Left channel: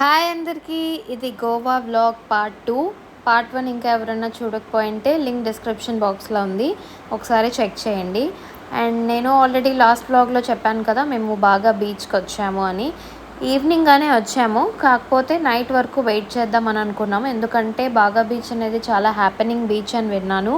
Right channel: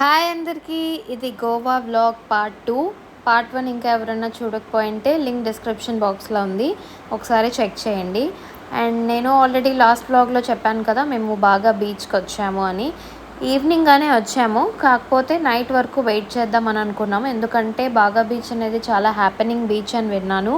Hi అందరికీ, ఇది Goa vlog part 2. Part 1 ఇంకా ఎవరైనా చూడకపోయింటే లింక్ డిస్క్రిప్షన్ బాక్స్లో ఉంది, ఒకసారి చెక్ చేయండి. అండ్ నేను ఆల్రెడీ లాస్ట్ వ్లాగ్లో చెప్పాను కదా, మేము బాగా బీచ్కి వచ్చాము అని. ఈవినింగ్గానే వచ్చాము, కాకపోతే నైట్ వరకు వెయిట్ చేద్దామని అనుకున్నాము, ఎందుకంటే బాగా బీచ్ అనేది చాలా హ్యాపెనింగ్ బీచ్ అని విన్నాను.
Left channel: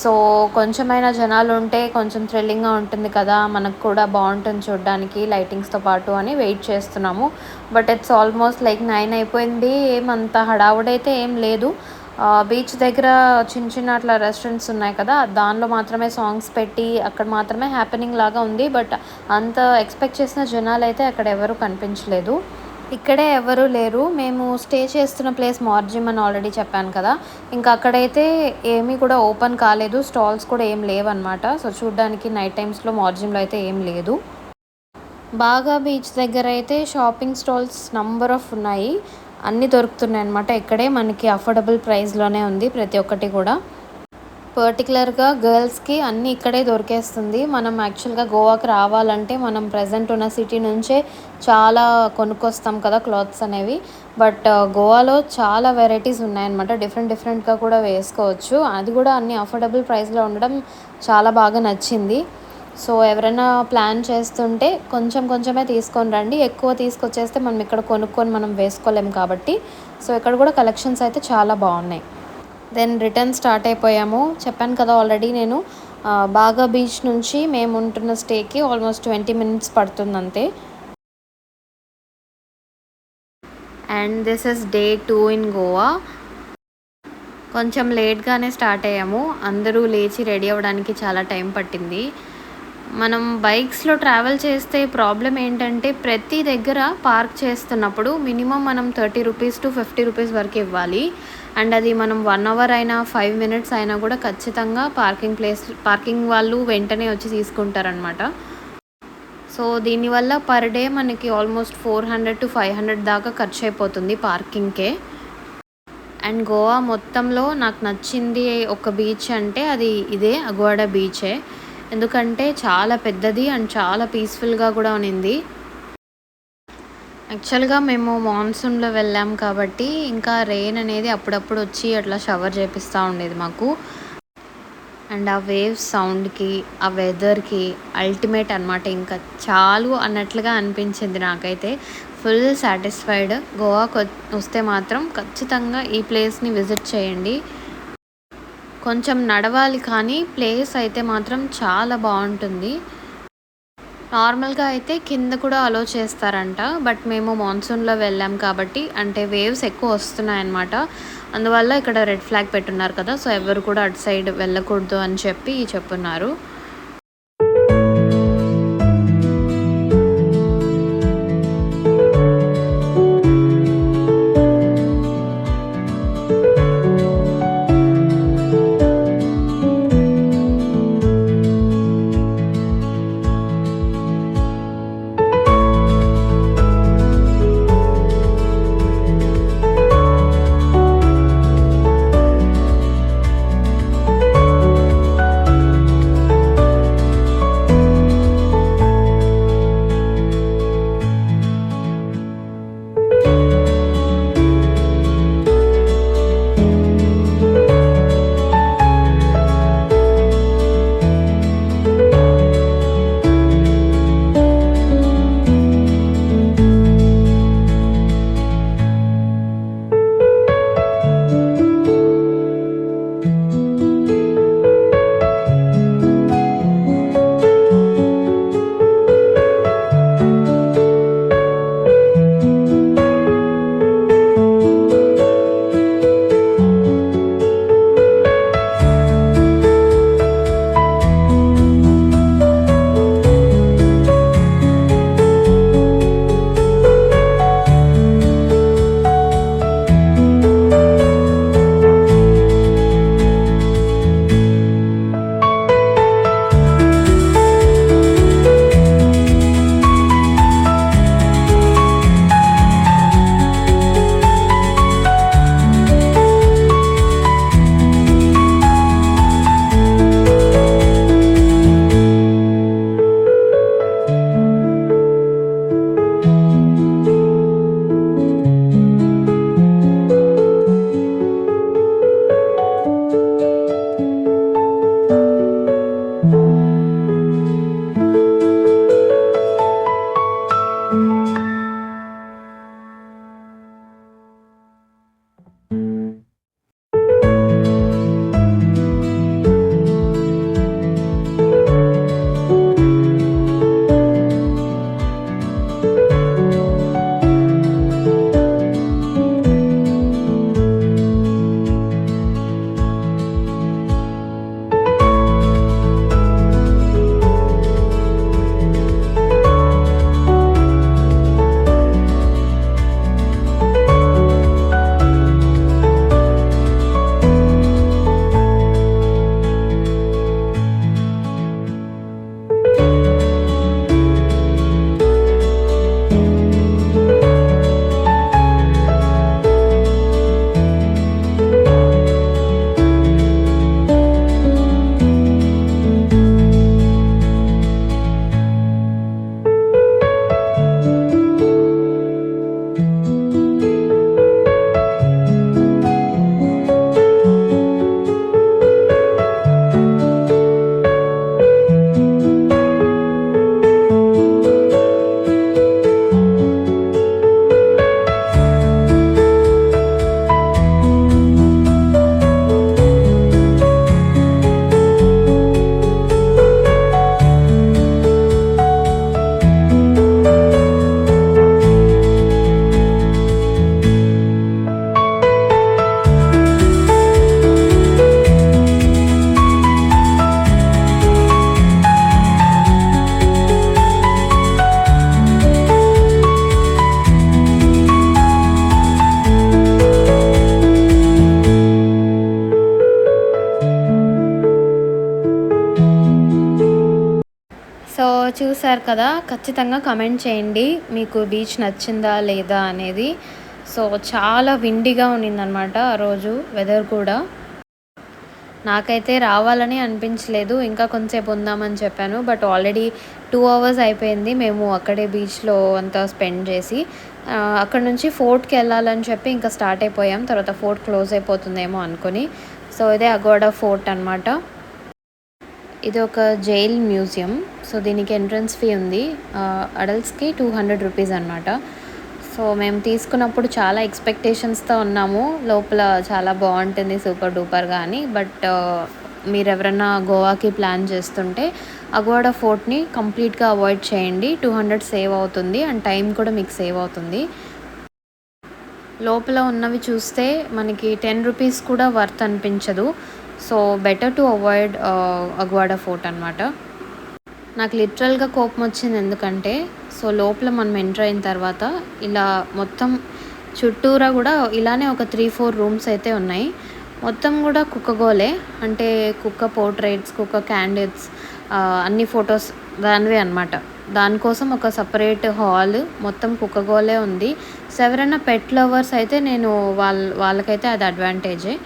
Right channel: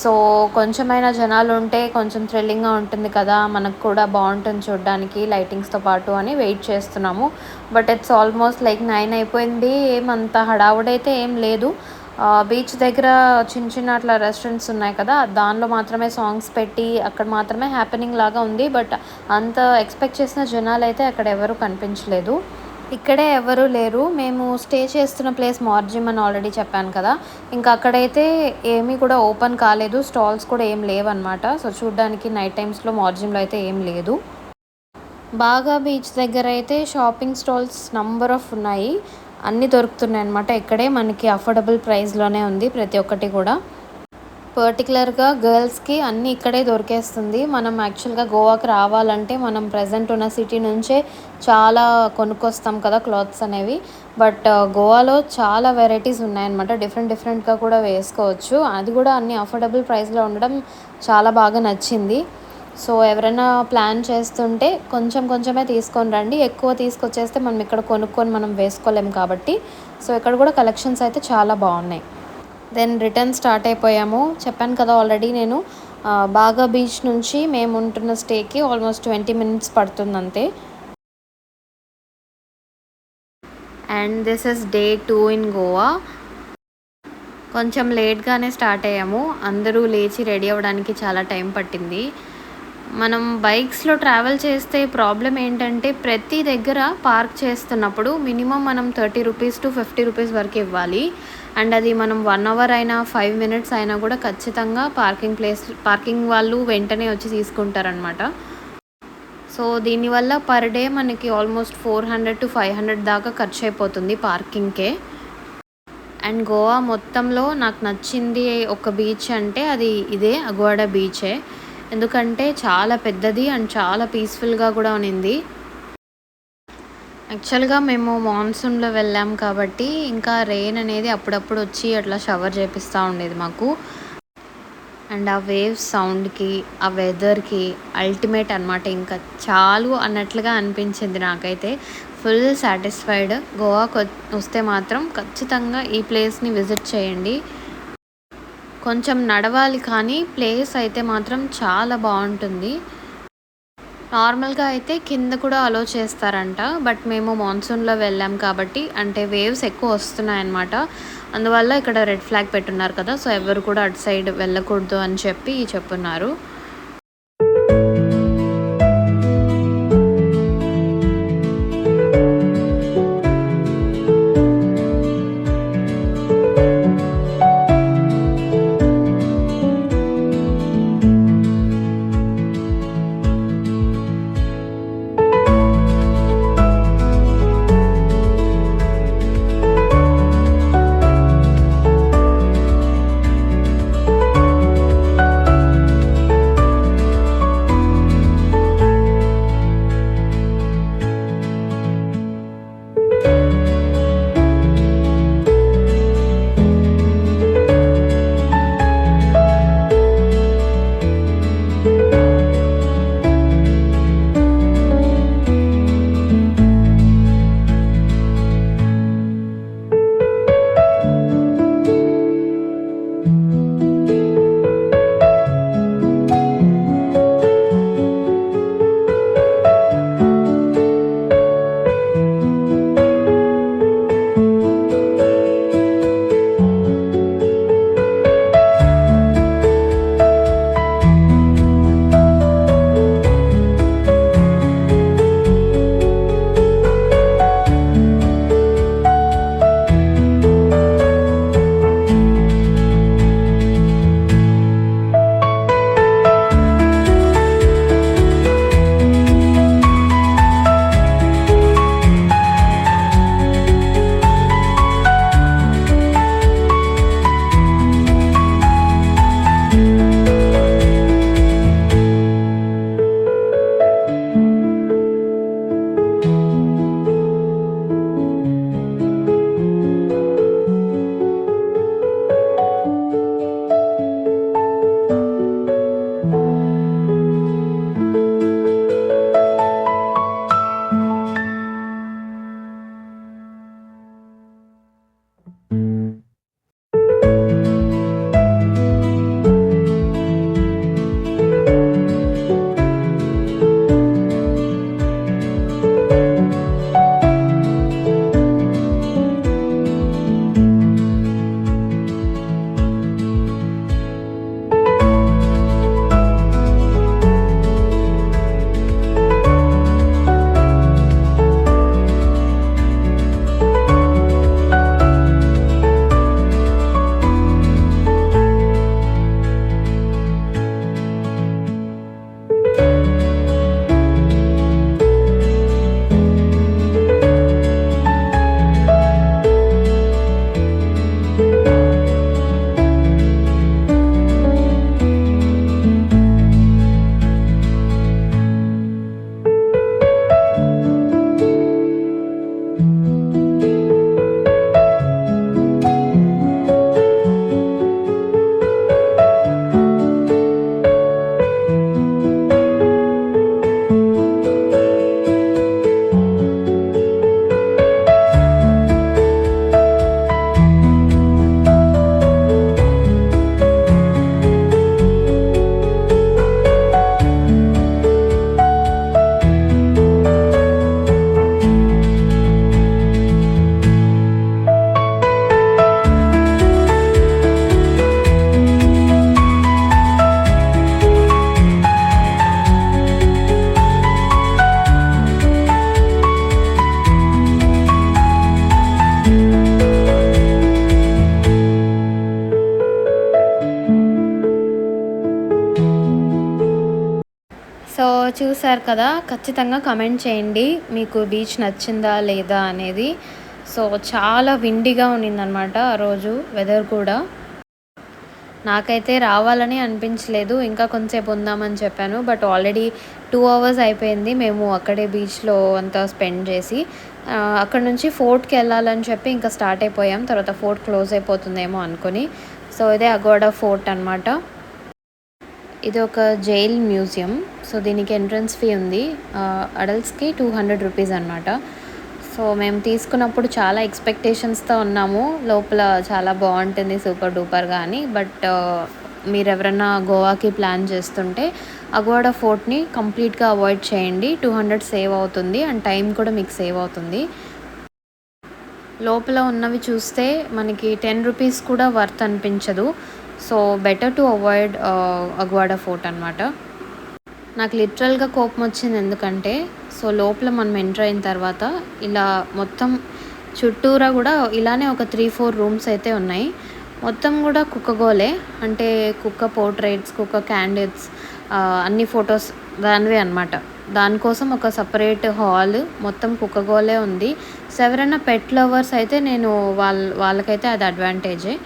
సో కొంచెమైనా జనాలు ఉంటే కొంచెం థ్రిల్లింగ్గా ఉంటుంది కదా, మనకు కూడా బాగుంటుంది చూడడానికి లైటింగ్స్తో పాటు అని వెయిట్ చేస్తున్నాము. బట్ ఇట్స్ ఆల్మోస్ట్ లైక్ 9 అయిపోయింది. ఏమంత హడావుడైతే ఏం లేదు. బీచ్ దగ్గర చిన్న చిన్న అట్లా రెస్టారెంట్స్ ఉన్నాయి కదా, దానిలో మాత్రమే సాంగ్స్ పెట్టి అక్కడ మాత్రమే హ్యాపెనింగ్ లాగా ఉంది. బట్ అంత ఎక్స్పెక్ట్ చేసిన జనాలు అయితే అక్కడ ఎవరు కనిపించలేదు. ఇక్కడే ఎవరు లేరు. మేము స్టే చేస్తున్న ప్లేస్ మార్జిమ్ అని ఆల్రెడీ చెప్పాను కదా, ఇంకా అక్కడైతే ఏమీ కూడా ఓపెన్ కాలేదు, స్టాల్స్ కూడా ఏం లేవన్నమాట. సో చూడ్డానికి నైట్ టైమ్స్లో మార్జిమ్లో అయితే ఏం లేదు. బాగా బీచ్ దగ్గర అయితే షాపింగ్ స్టాల్స్ నంబర్ ఆఫ్ ఉన్నాయి, అన్నీ దొరుకుతున్నాయి అన్నమాట. ఇక్కడే మనకి అఫోర్డబుల్ ప్రైస్లోనే ఉంది ప్రతి ఒక్కటి కూడా. పర్టికులర్గా గర్ల్స్కి అన్నీ ఇక్కడే దొరికేస్తుంది. మనం యాక్చువల్గా గోవాకి రావాలంటే మనం ప్రజెంట్ ఉన్న సిటీ నుంచే చాలా కొనుక్కొస్తాం కదా క్లాత్స్ అనేవి. బట్ గోవాలో చాలా వెరైటీస్ ఉన్నాయన్నమాట, డిఫరెంట్గా కూడా వేసుకోవచ్చు. అది కూడా అన్ని అఫోర్డబుల్ ప్రైస్లో ఉండడం చాలా బాగా నచ్చింది. సో ఎవరైనా ప్లాన్ చేస్తుంటే కొంచెమే తీసుకొని రండి, ఎక్కువ తీసుకొచ్చేస్తే మనం ఇక్కడ కొనుక్కొని మనం వేసుకోలేము కాబట్టి. సో ఇక్కడ కూడా కలెక్షన్స్ అయితే చాలా బాగున్నాయి. దెన్ రిటర్న్ స్టార్ట్ అయిపోయాము. చెప్పాను కదా ఆల్రెడీ నేను, బాగా బీచ్ నుంచి మేము ఉంటున్న స్టేకి ఆల్మోస్ట్ 20 minutes పడుతుంది అంతే. And this is day 2 in Goa. కొంచెం లేట్గానే స్టార్ట్ అయ్యాము, అందరూ లేచి రెడీ అవ్వడానికి చాలా టైం పట్టింది. మనం బైక్స్లో ట్రావెల్ చేస్తే ప్రాబ్లం ఏంటంటే ప్రతి దగ్గర పార్క్ చేస్తున్నప్పుడు మినిమం మనం 30 రూపీస్ టు 50 రూపీస్ వరకు ఇవ్వాలి. అండ్ అది మనం 1 అవర్ అయినా 5 minutes అయినా కూడా ఖచ్చితంగా పార్కింగ్ వాళ్ళు వెంటనే వచ్చి తీసుకుంటారనమాట. సో దీనివల్ల పర్ డే మనకి ఆల్మోస్ట్ 400 to 500 దాకా ఖర్చు అయిపోతుంది పార్కింగ్కే. అండ్ గోవా మొత్తంలో నాకు నచ్చింది ఒక బీచ్ అంటే అది ఇదే అగ్వాడా బీచే, ఎందుకంటే చాలా పెద్దది అండ్ చాలా పీస్ఫుల్గా కూడా ఉన్నింది. యాక్చువల్గా మేము మాన్సూన్లో వెళ్ళాం కాబట్టి ఇంకా రెయిన్ అనేది అప్పుడప్పుడు వచ్చి అట్లా షవర్ చేపిస్తూ ఉండేది మాకు. అండ్ ఆ వేవ్స్ సౌండ్కి ఆ వెదర్కి అల్టిమేట్ అనమాట, ఇంకా చాలు అన్నట్లుగా అనిపించింది నాకైతే. Full satisfied. గోవాకి వస్తే మాత్రం ఖచ్చితంగా ఈ ప్లేస్ని విజిట్ చేయండి. కొంచెం నడవాలి కానీ ప్లేస్ అయితే మాత్రం చాలా బాగుంటుంది. నార్మల్గా అయితే కింద కూడా అలో చేస్తారంట, బట్ మేము మాన్సూన్లో వెళ్ళాం కాబట్టి అంటే వేవ్స్ ఎక్కువ వస్తున్నాయన్నమాట. అందువల్ల ఇక్కడ రెడ్ ఫ్లాగ్ పెట్టున్నారు కదా, సో ఎవరు కూడా అటు సైడ్ వెళ్ళకూడదు అని చెప్పి చెప్పున్నారు. సో చూసారు కదా, ఖచ్చితంగా కమెంట్ చేయండి మీకు బీచ్ నచ్చిందా లేదా అనేది. సో చాలా విండిగా ఉన్నిందనమాట ఆ రోజు వెదర్ కూడా. నాకైతే రావాలని అనిపించలేదు, ఇంకా కొంచెంసేపు ఉందామని చెప్పాను. బట్ ఆల్రెడీ 2 అవర్స్ అయిపోయింది మేము అక్కడే బీచ్లో అంతా స్పెండ్ చేసి. అక్కడ నుంచి ఫోర్ట్కి వెళ్ళాలని చెప్పి ఇంకా స్టార్ట్ అయిపోయాం. తర్వాత ఫోర్ట్ క్లోజ్ అయిపోతుందేమో అనుకుని. సో ఇదే అగోడా ఫోర్ట్ అనమాట. ఇది ఒక జైల్ మ్యూజియం. సో దీనికి ఎంట్రన్స్ ఫీ ఉంది. అడల్ట్స్కి 200 రూపీస్ అనమాట. సో మేము తీసుకున్నప్పుడు చాలా ఎక్స్పెక్టేషన్స్తో ఉన్నాము, లోపల చాలా బాగుంటుంది సూపర్ డూపర్గా అని. బట్ మీరు ఎవరైనా గోవాకి ప్లాన్ చేస్తుంటే అగోడా ఫోర్ట్ని కంప్లీట్గా అవాయిడ్ చేయండి. 200 సేవ్ అవుతుంది అండ్ టైం కూడా మీకు సేవ్ అవుతుంది. లోపల ఉన్నవి చూస్తే మనకి 10 రూపీస్ కూడా వర్త్ అనిపించదు. So better to avoid Aguada fort అనమాట. నాకు లిటరల్గా కోపం వచ్చింది, ఎందుకంటే సో లోపల మనం ఎంటర్ అయిన తర్వాత ఇలా మొత్తం చుట్టూరా కూడా ఇలానే ఒక 3-4 రూమ్స్ అయితే ఉన్నాయి. మొత్తం కూడా కుక్కగోలే, అంటే కుక్క పోర్ట్రేట్స్, కుక్క క్యాండిల్స్, అన్ని ఫొటోస్ దానివే అనమాట. దానికోసం ఒక సపరేట్ హాల్ మొత్తం కుక్కగోలే ఉంది. సో ఎవరైనా పెట్ లవర్స్ అయితే వాళ్ళకైతే అది అడ్వాంటేజే.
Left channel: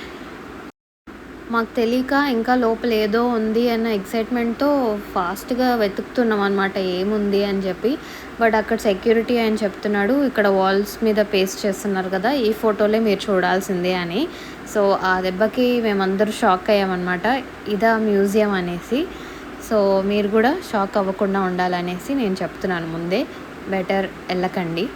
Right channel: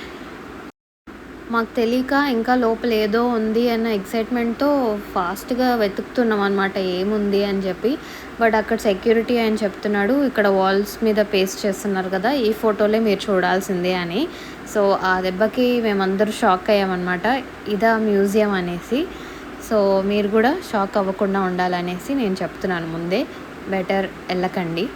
మాకు తెలియక ఇంకా లోపల ఏదో ఉంది అన్న ఎక్సైట్మెంట్తో ఫాస్ట్గా వెతుకుతున్నాం అనమాట ఏముంది అని చెప్పి. బట్ అక్కడ సెక్యూరిటీ అని చెప్తున్నాడు, ఇక్కడ వాల్స్ మీద పేస్ట్ చేస్తున్నారు కదా, ఈ ఫోటోలే మీరు చూడాల్సిందే అని. సో ఆ దెబ్బకి మేమందరూ షాక్ అయ్యామన్నమాట, ఇదా మ్యూజియం అనేసి. సో మీరు కూడా షాక్ అవ్వకుండా ఉండాలనేసి నేను చెప్తున్నాను ముందే, బెటర్ వెళ్ళకండి.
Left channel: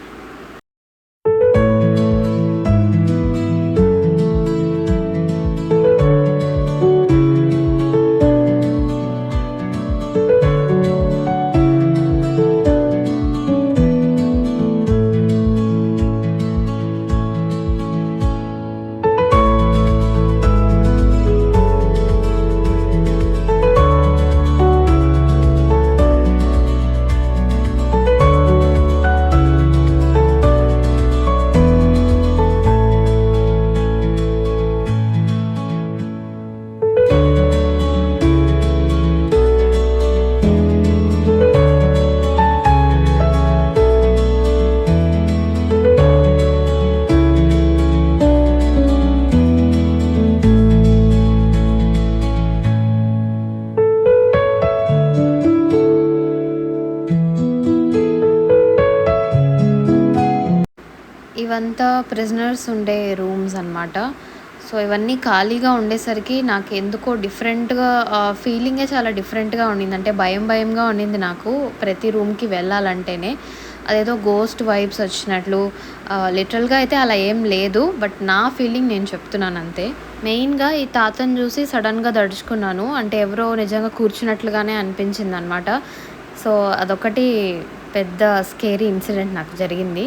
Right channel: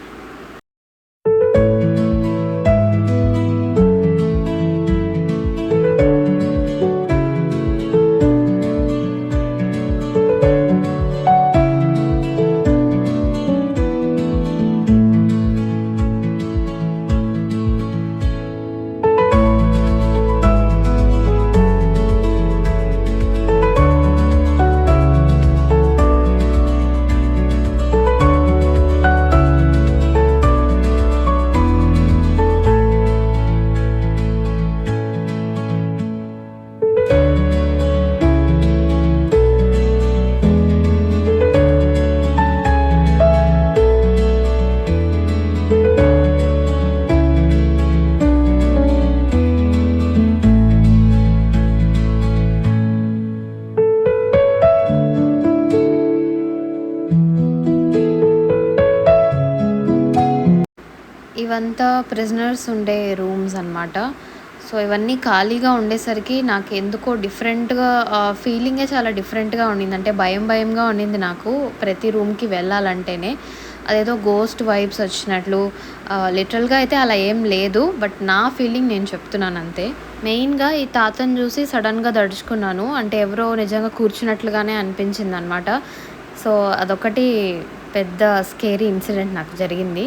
ఇవంతా ప్రిజనర్స్ ఉండే రూమ్స్ అనమాట. సో ఇవన్నీ ఖాళీగా ఉండేసరికి నాకు ఎందుకో డిఫరెంట్‌గా ఫీలింగే చాలా డిఫరెంట్‌గా ఉండింది. అంటే భయంగా ఉండింది నాకు ప్రతి రూమ్‌కి వెళ్ళాలంటేనే. అదేదో గోస్ట్ వైబ్స్ వచ్చినట్లు లిటరల్‌గా అయితే అలా ఏం లేదు. బట్ నా ఫీలింగ్ నేను చెప్తున్నాను అంతే. మెయిన్‌గా ఈ తాతని చూసి సడెన్‌గా దడుచుకున్నాను. అంటే ఎవరో నిజంగా కూర్చున్నట్లుగానే అనిపించిందనమాట. సో అదొకటి పెద్ద స్కేరీ ఇన్సిడెంట్ నాకు జరిగింది.